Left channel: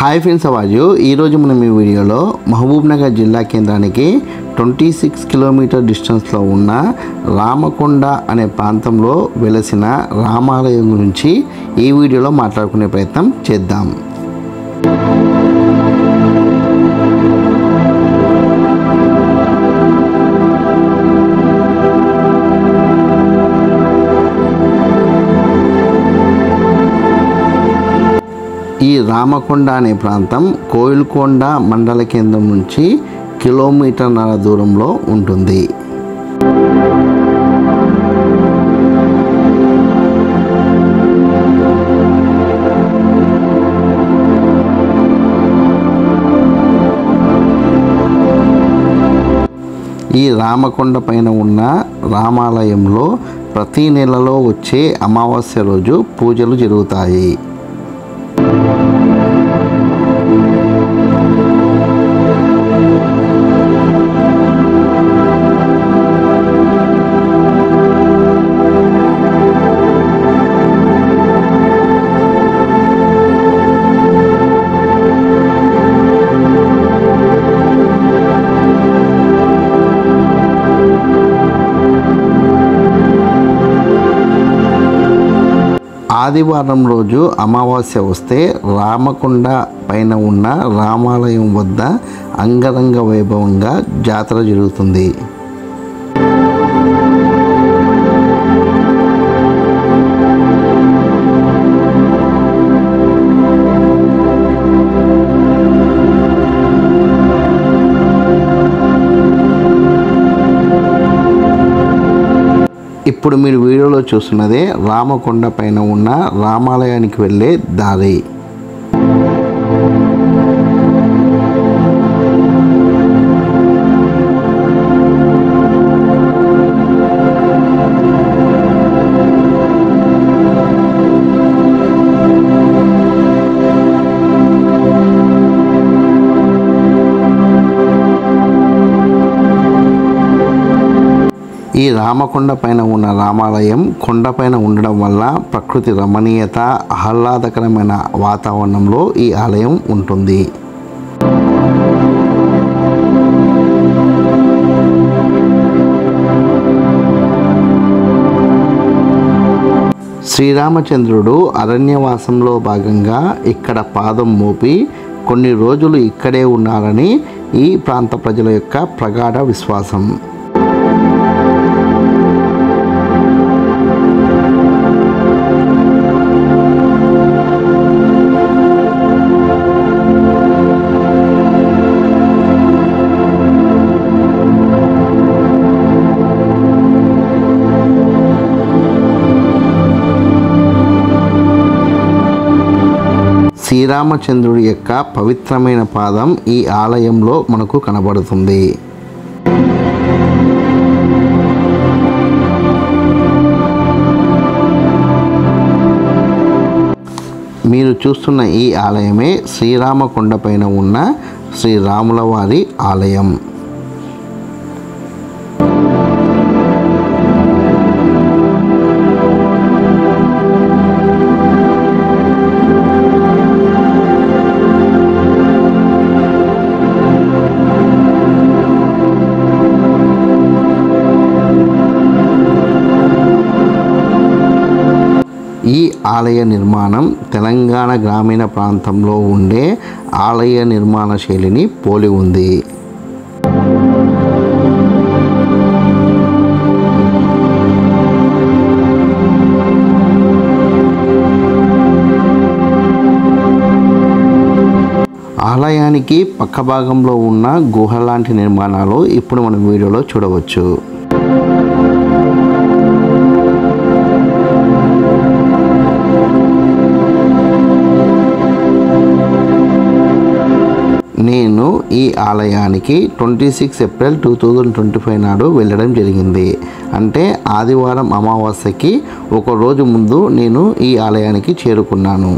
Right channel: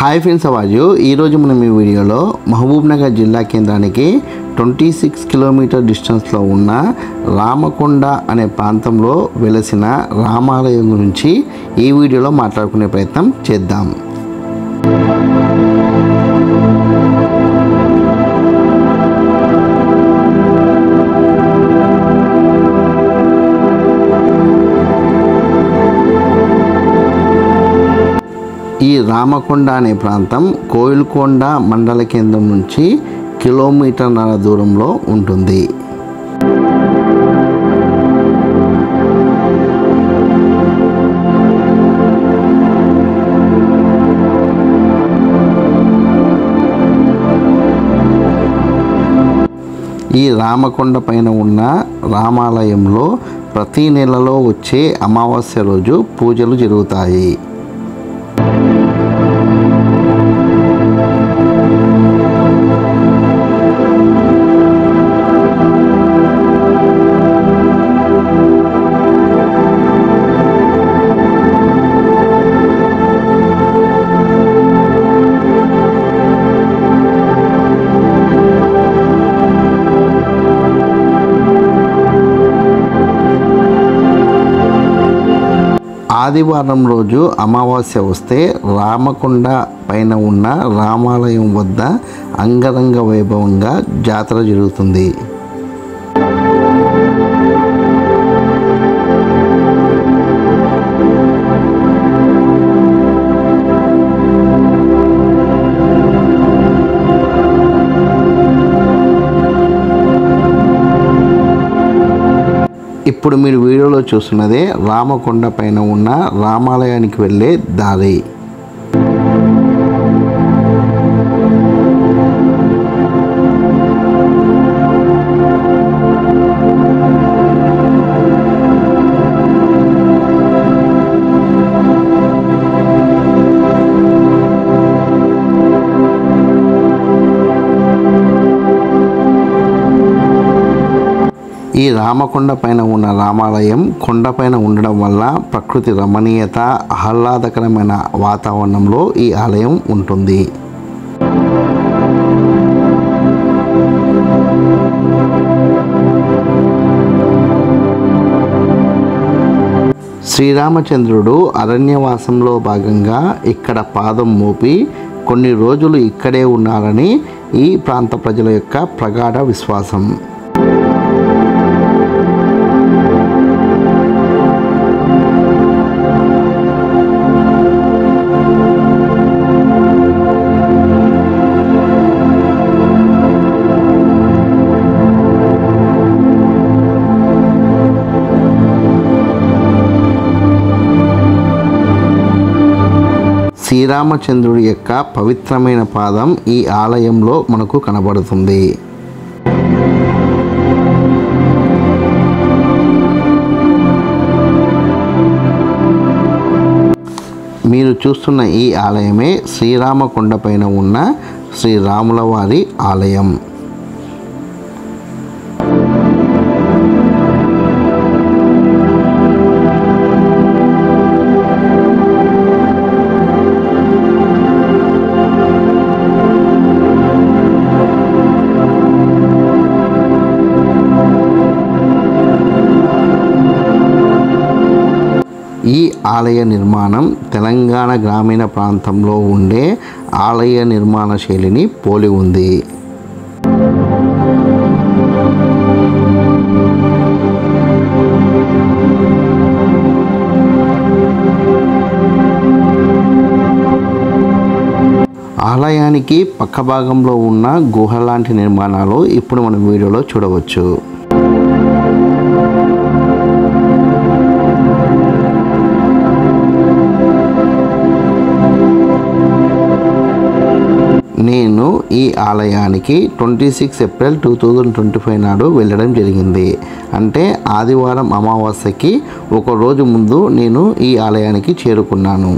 Hi friends, అవాజు ఈరోజు మనం ఈ వీడియోలో మహబూబ్నగర్ జిల్లా కేంద్రానికి 26 కిలోమీటర్ డిస్టెన్స్లో ఉన్న రామకొండ అనే ప్రాంతంలో వెలసిన రామాలయం గురించి ఈ వీడియోలో మాట్లాడుకునే ప్రయత్నం చేద్దాం. ఈ రామకొండ అనే ప్రాంతం కోయిల్కొండ మండల కేంద్రం నుంచి కిలోమీటర్న్నర దూరంలో ఉంటుంది. ఈ రామకొండ పైన ఉన్న రామాలయంలో ప్రతి నెలలో వచ్చే అమావాస్య రోజు పూజలు జరుగుతాయి. ఆదివారం రోజు అమావాస్య వస్తే రామకొండ పైన ఉన్న రామాలయం వద్ద అంగరంగ వైభవంగా జాతర జరుగుతుంది. ఇప్పుడు మీరు వీడియోలో చూస్తున్నదే రామకొండ పైన ఉన్న రామాలయానికి వెళ్ళే దారి. ఈ రామకొండ పైన ఉన్న రామాలయం కొండపైన ఉండడం వల్ల ప్రకృతి రమణీయత, ఆహ్లాదకరమైన వాతావరణంలో ఈ ఆలయం ఉంటుంది. శ్రీరామచంద్రుడు అరణ్యవాసంలో భాగంగా ఇక్కడ పాదం మోపి కొన్ని రోజులు ఇక్కడే ఉన్నారని ఈ ప్రాంత ప్రజల యొక్క ప్రగాఢ విశ్వాసం. శ్రీరామచంద్రుడి యొక్క పవిత్రమైన పాదం ఈ ఆలయంలో మనకు కనబడుతుంది. మీరు చూస్తున్న ఈ ఆలయమే శ్రీరామకొండ పైన ఉన్న శ్రీరాముల వారి ఆలయం. ఈ ఆలయ నిర్మాణం తెలంగాణ గ్రామీణ ప్రాంతంలో ఉండే ఆలయ నిర్మాణ శైలిని పోలి ఉంది. ఆలయానికి పక్క భాగంలో ఉన్న గుహ లాంటి నిర్మాణాలు ఇప్పుడు మనం వీడియోలో చూడవచ్చు. నేను ఈ ఆలయానికి 26 ఏప్రిల్ 2025 నాడు వెళ్ళడం జరిగింది. అంటే ఆదివారం అమావాస్యకి ఒక రోజు ముందు నేను ఈ ఆలయానికి చేరుకున్నాను.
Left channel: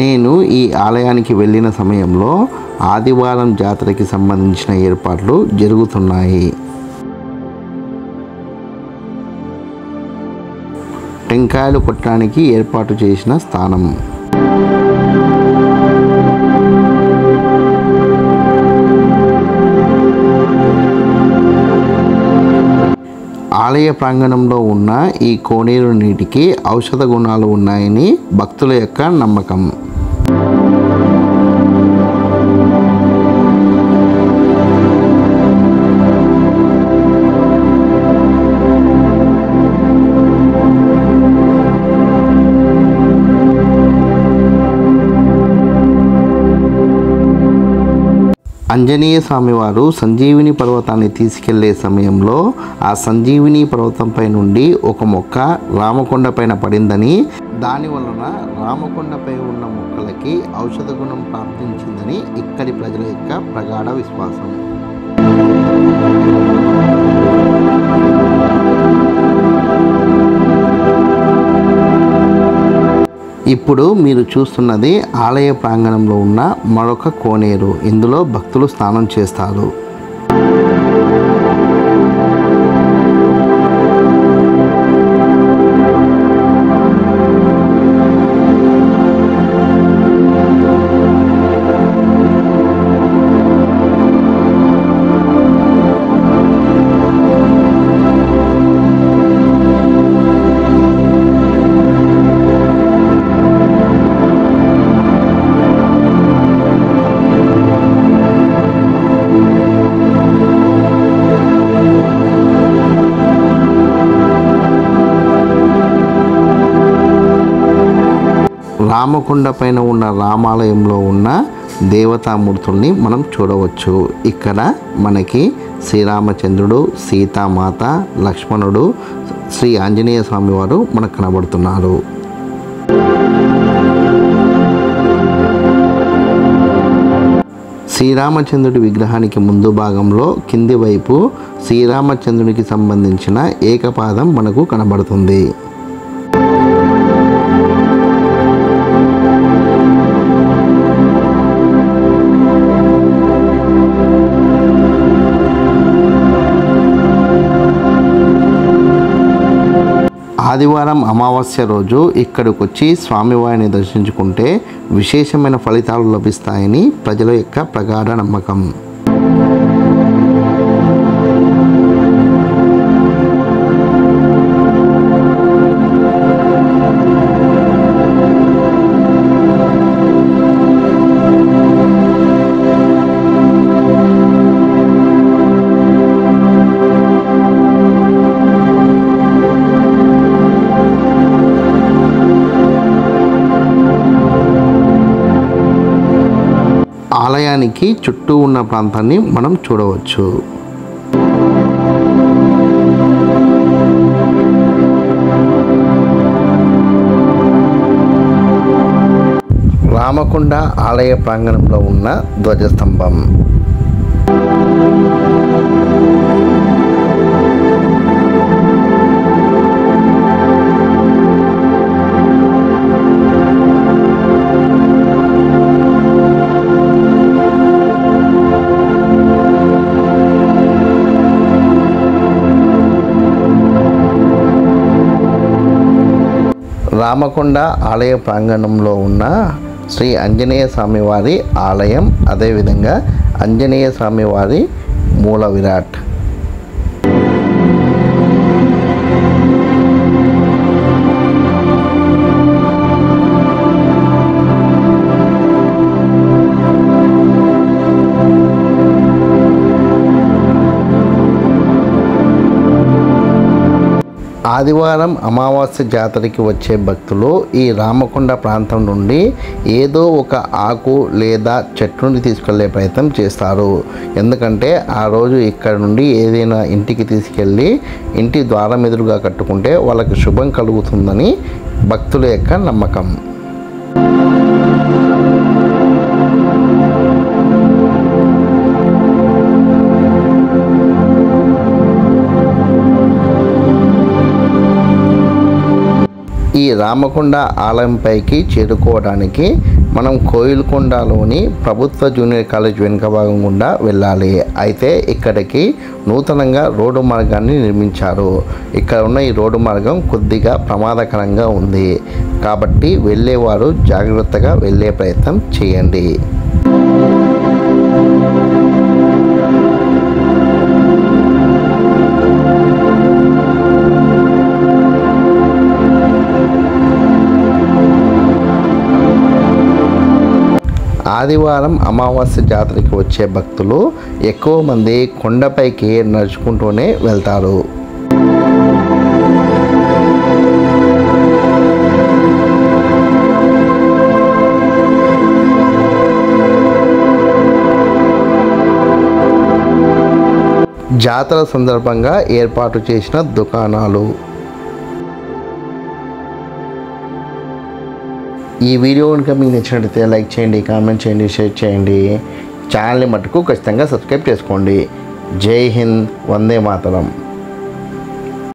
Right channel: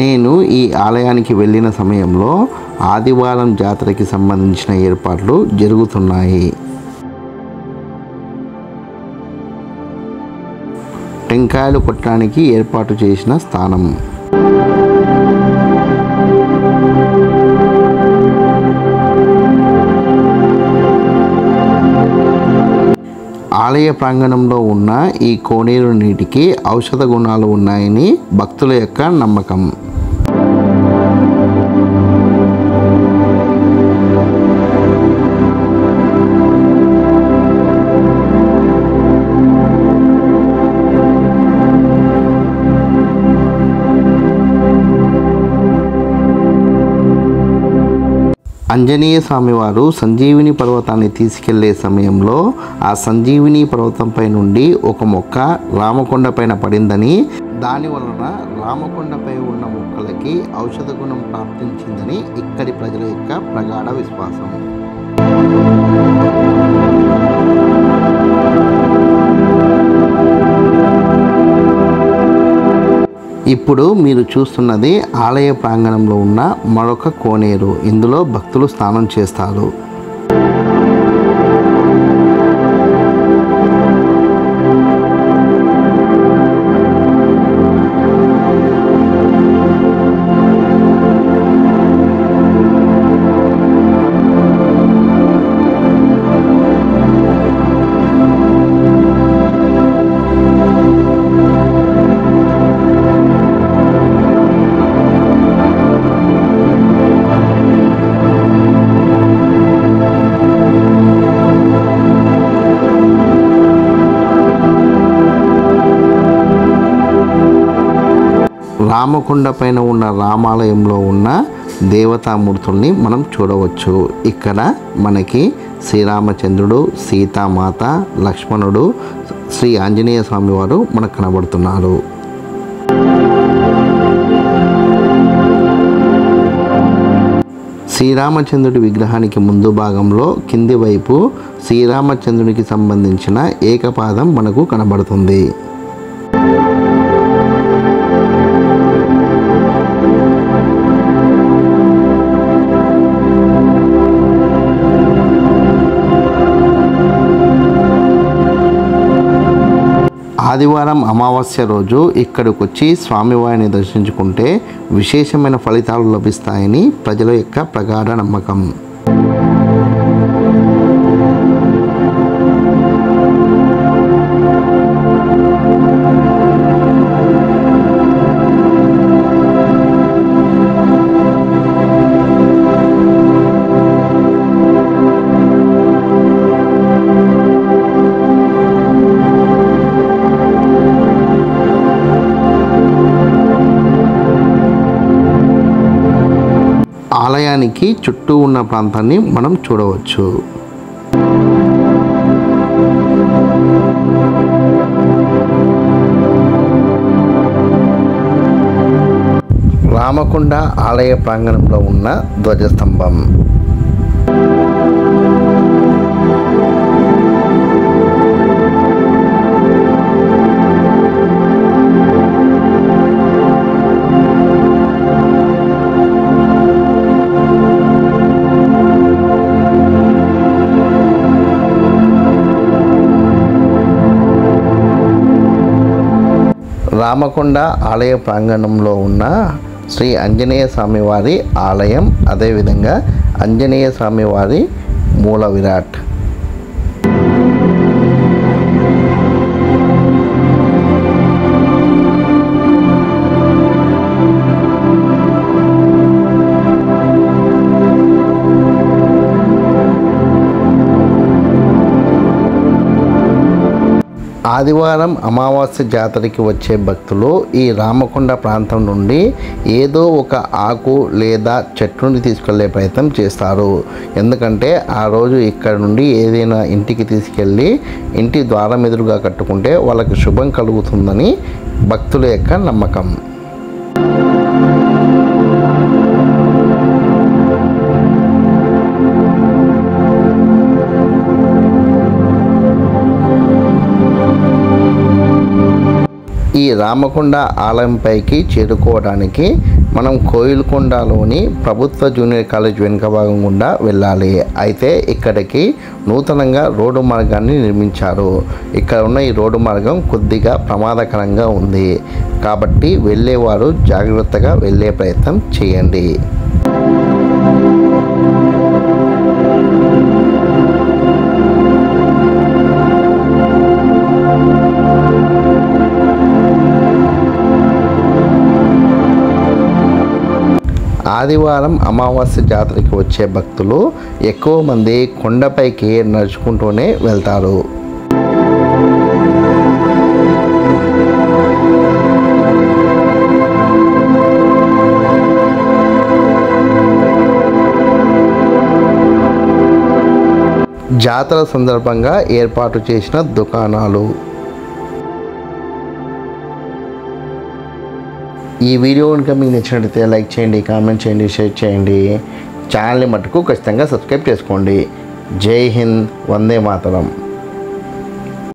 నేను ఈ ఆలయానికి వెళ్ళిన సమయంలో ఆదివారం జాతరకి సంబంధించిన ఏర్పాట్లు జరుగుతున్నాయి. టెంకాయలు కొట్టడానికి ఏర్పాటు చేసిన స్థానం. ఆలయ ప్రాంగణంలో ఉన్న ఈ కోనేరు నీటికి ఔషధ గుణాలు ఉన్నాయని భక్తుల యొక్క నమ్మకం. ఆంజనేయ స్వామివారు సంజీవిని పర్వతాన్ని తీసుకెళ్లే సమయంలో ఆ సంజీవిని పర్వతంపై నుండి ఒక మొక్క రామకొండ పైన పడిందని, దాని వలన రామకొండపై ఉన్న మొక్కలకి ఔషధ గుణం ప్రాప్తించిందని ఇక్కడి ప్రజల యొక్క ప్రగాఢ విశ్వాసం. ఇప్పుడు మీరు చూస్తున్నది ఆలయ ప్రాంగణంలో ఉన్న మరొక కోనేరు. ఇందులో భక్తులు స్నానం చేస్తారు. రామకొండ పైన ఉన్న రామాలయంలో ఉన్న దేవతామూర్తుల్ని మనం చూడవచ్చు. ఇక్కడ మనకి శ్రీరామచంద్రుడు, సీతామాత, లక్ష్మణుడు, శ్రీ ఆంజనేయ స్వామి వారు మనకు కనబడుతున్నారు. శ్రీరామచంద్రుడి విగ్రహానికి ముందు భాగంలో కింది వైపు శ్రీరామచంద్రునికి సంబంధించిన ఏకపాదం మనకు కనబడుతుంది. ఆదివారం అమావాస్య రోజు ఇక్కడికి వచ్చి స్వామివారిని దర్శించుకుంటే విశేషమైన ఫలితాలు లభిస్తాయని ప్రజల యొక్క ప్రగాఢ నమ్మకం. ఆలయానికి చుట్టూ ఉన్న ప్రాంతాన్ని మనం చూడవచ్చు. రామకొండ ఆలయ ప్రాంగణంలో ఉన్న ధ్వజస్తంభం. రామకొండ ఆలయ ప్రాంగణంలో ఉన్న శ్రీ ఆంజనేయ స్వామివారి ఆలయం, అదేవిధంగా ఆంజనేయ స్వామివారి మూల విరాట్. ఆదివారం అమావాస్య జాతరకి వచ్చే భక్తులు ఈ రామకొండ ప్రాంతం నుండి ఏదో ఒక ఆకు లేదా చెట్టుని తీసుకెళ్లే ప్రయత్నం చేస్తారు. ఎందుకంటే ఆ రోజు ఇక్కడ నుండి ఏదైనా ఇంటికి తీసుకెళ్ళి ఇంటి ద్వారం ఎదురుగా కట్టుకుంటే వాళ్ళకి శుభం కలుగుతుందని భక్తుల యొక్క నమ్మకం. ఈ రామకొండ ఆలయంపైకి చేరుకోవడానికి మనం కోయిల్కొండలోని ప్రభుత్వ జూనియర్ కాలేజ్ వెనుక భాగం గుండా వెళ్ళాలి. అయితే ఇక్కడికి నూతనంగా రోడ్డు మార్గాన్ని నిర్మించారు. ఇక్కడ ఉన్న ఈ రోడ్డు మార్గం కొద్దిగా ప్రమాదకరంగా ఉంది. కాబట్టి వెళ్ళేవారు జాగ్రత్తగా వెళ్ళే ప్రయత్నం చేయండి. ఆదివారం అమావాస్య జాతరకి వచ్చే భక్తులు ఎక్కువ మంది కొండపైకి నడుచుకుంటూనే వెళ్తారు. జాతర సందర్భంగా ఏర్పాటు చేసిన దుకాణాలు. ఈ వీడియో కనుక మీకు నచ్చినట్లయితే లైక్ చేయండి, కామెంట్ చేయండి, షేర్ చేయండి. ఛానల్ని మటుకు ఖచ్చితంగా సబ్స్క్రైబ్ చేసుకోండి. జై హింద్, వందే మాతరం.